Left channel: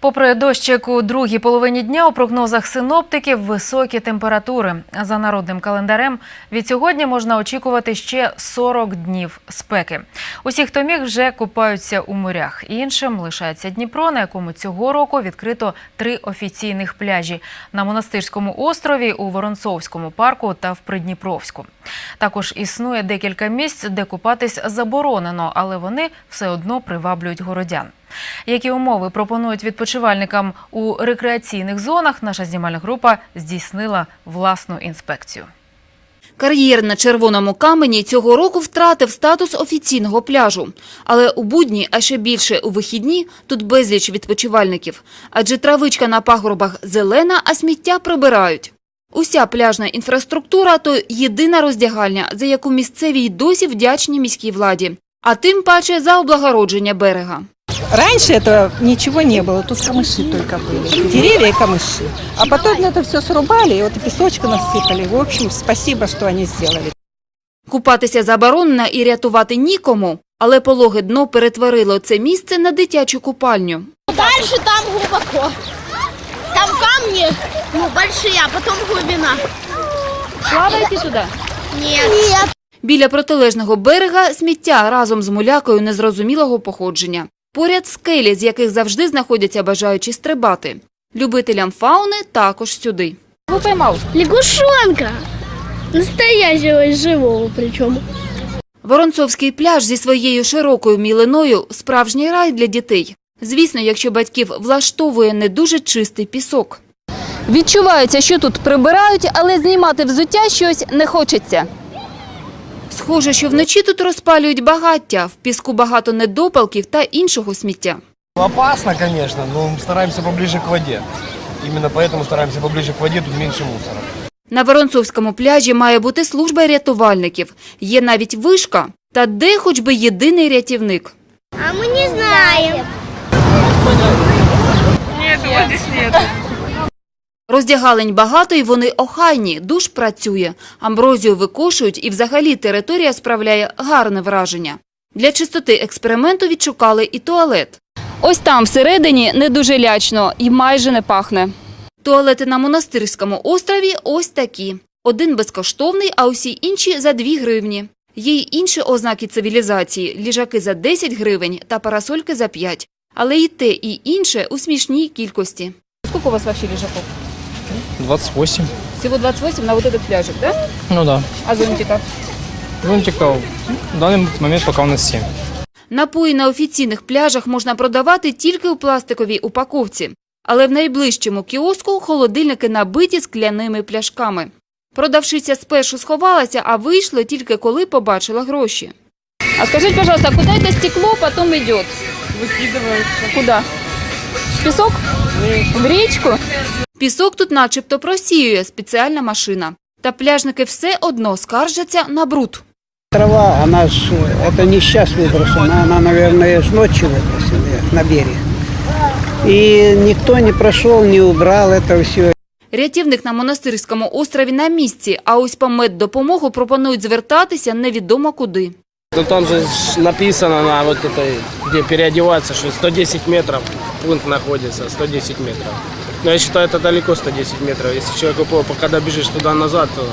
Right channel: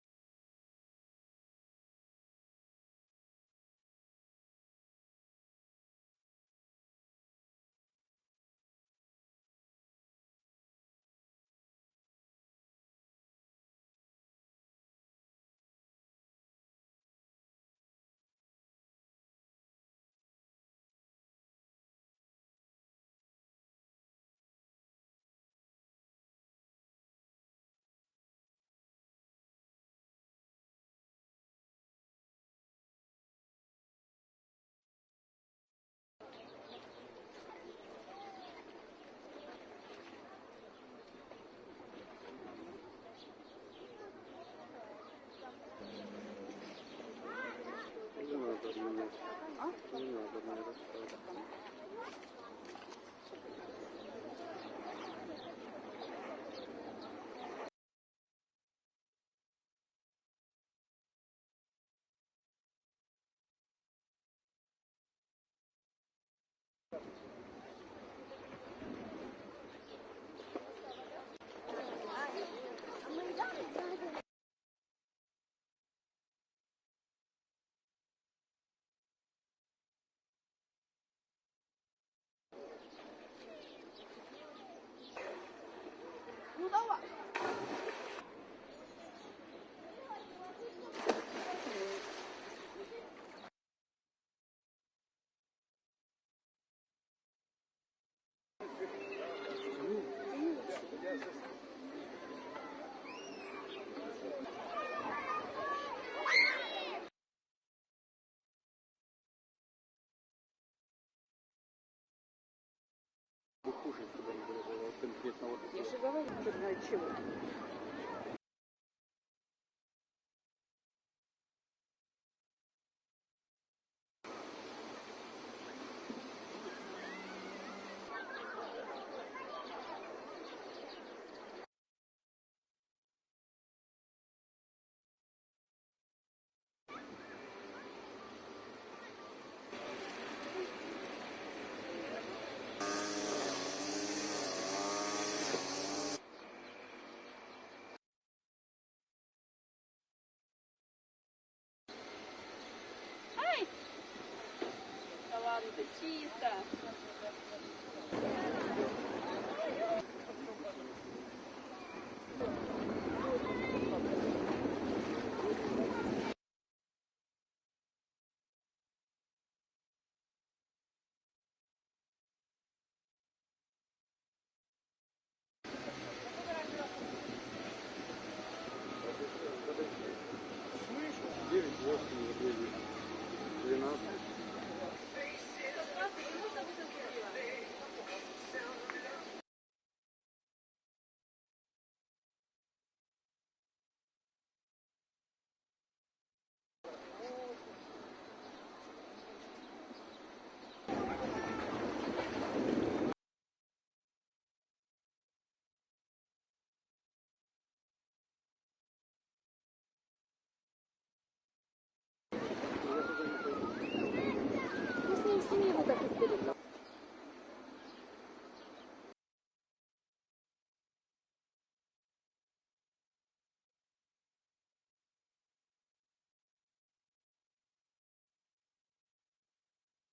Попри дощик у другій половині дня у прогнозах синоптиків високі температури. За народним календарем від сьогодні можна очікувати ще 40 днів спеки. Усі, хто міг, вже купаються у морях. Іншим лишається Дніпро, на якому цього року відкрито три офіційних пляжі на монастирському острові, у Воронцовському парку та в Придніпровську. Також існує декілька місць, де купатись заборонено, але вони все одно приваблюють городян. Які умови пропонують відпочивальникам у рекреаційних зонах, наша знімальна група здійснила власну інспекцію. Кар'єр на червоному камені цього року втратив статус офіційного пляжу. Але у будні, а ще більше у вихідні, тут безліч відпочивальників. Адже травичка на пагорбах зелена, а сміття прибирають. Уся пляжна інфраструктура – то єдина роздягальня, за яку місцеві й досі вдячні міській владі. А тим паче за облагородження берега. Раньше этого ничего не было, тут камыши только были, деревья и камыши. А потом это все срубали, и вот и песочка насыпали. В общем, спасибо, что они сделали. Купатися заборонено і рятувати нікому. Але пологе дно перетворило це місце на дитячу купальню. Дальше там глубоко. Камни, ну, большие, а потом глубина. Плавайте туди. Нет. Нет. Біля протилежного берега сміття разом з мулякою незрозумілого походження. Поряд скелі, з яких завжди знаходяться бажаючі стрибати. Любителям фауни також сюди. Лягушонка. Настоящего живого причем. Воронцовський пляж зі своєю широкою мілиною – справжній рай для дітей. Звісно, якщо батьків влаштовує не дуже чистий пісок. Відчувається, що тут прибирають, але знімати взуття щось не хочеться. Схоже, що вночі тут розпалюють багаття, в піску багато недопалків та іншого сміття. Опасно, конечно, но стараемся поближе к воде. Именно поэтому стараемся поближе к воде, тут меньше мусора. На Воронцовському пляжі має бути служба рятувальників. Є навіть вишка. Та де хоч би єдиний рятівник? А мы не знаем. Роздягалень багато і вони охайні, душ працює. Амброзію викошують і взагалі територія справляє гарне враження. Для чистоти експерименту відшукали і туалет. Ось там всередині не дуже лячно і майже не пахне. Туалети на монастирському острові ось такі. Один безкоштовний, а усі інші за 2 гривні. Є й інші ознаки цивілізації – ліжаки за 10 гривень та парасольки за 5. Але і те, і інше у смішній кількості. Скільки у вас взагалі ліжаків? 28. Всього 28 на вот этот пляжик, да? Ну да. А зонтиков? Зонтиков в данный момент пока у нас 7. Напої на офіційних пляжах можна продавати тільки у пластиковій упаковці. Але в найближчому кіоску холодильники набиті скляними пляшками. Продавшиця спершу сховалася, а вийшла тільки коли побачила гроші. А скажите, пожалуйста, а куда это стекло потом идет? Выкидывается. Куда? В песок? В речку? Пісок тут начебто просіює спеціальна машина. Та пляжники все одно скаржаться на бруд. Трава, она ж, это не сейчас выброшена, она, наверное, ж ночью выбросили на берег. И никто не прошел, не убрал это все. Рятівник на монастирському острові на місці, а ось по меддопомогу пропонують звертатися невідомо куди. Ну там же ж написано на вот этой, где переодеваться, что 110 метров пункт находится, 110 метров. Но я считаю, это далеко 110 метров. Если человек упал, когда бежишь туда-назад, то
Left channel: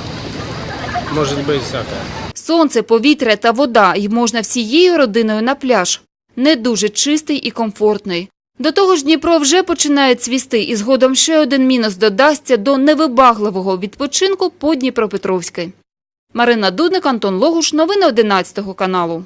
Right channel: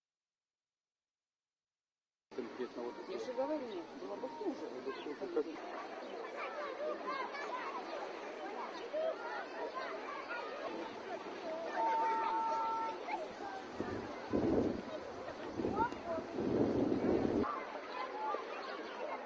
может быть всякое. Сонце, повітря та вода, і можна всією родиною на пляж. Не дуже чистий і комфортний. До того ж Дніпро вже починає цвісти, і згодом ще один мінус додасться до невибагливого відпочинку по Дніпропетровській. Марина Дудник, Антон Логуш. Новини 11 каналу.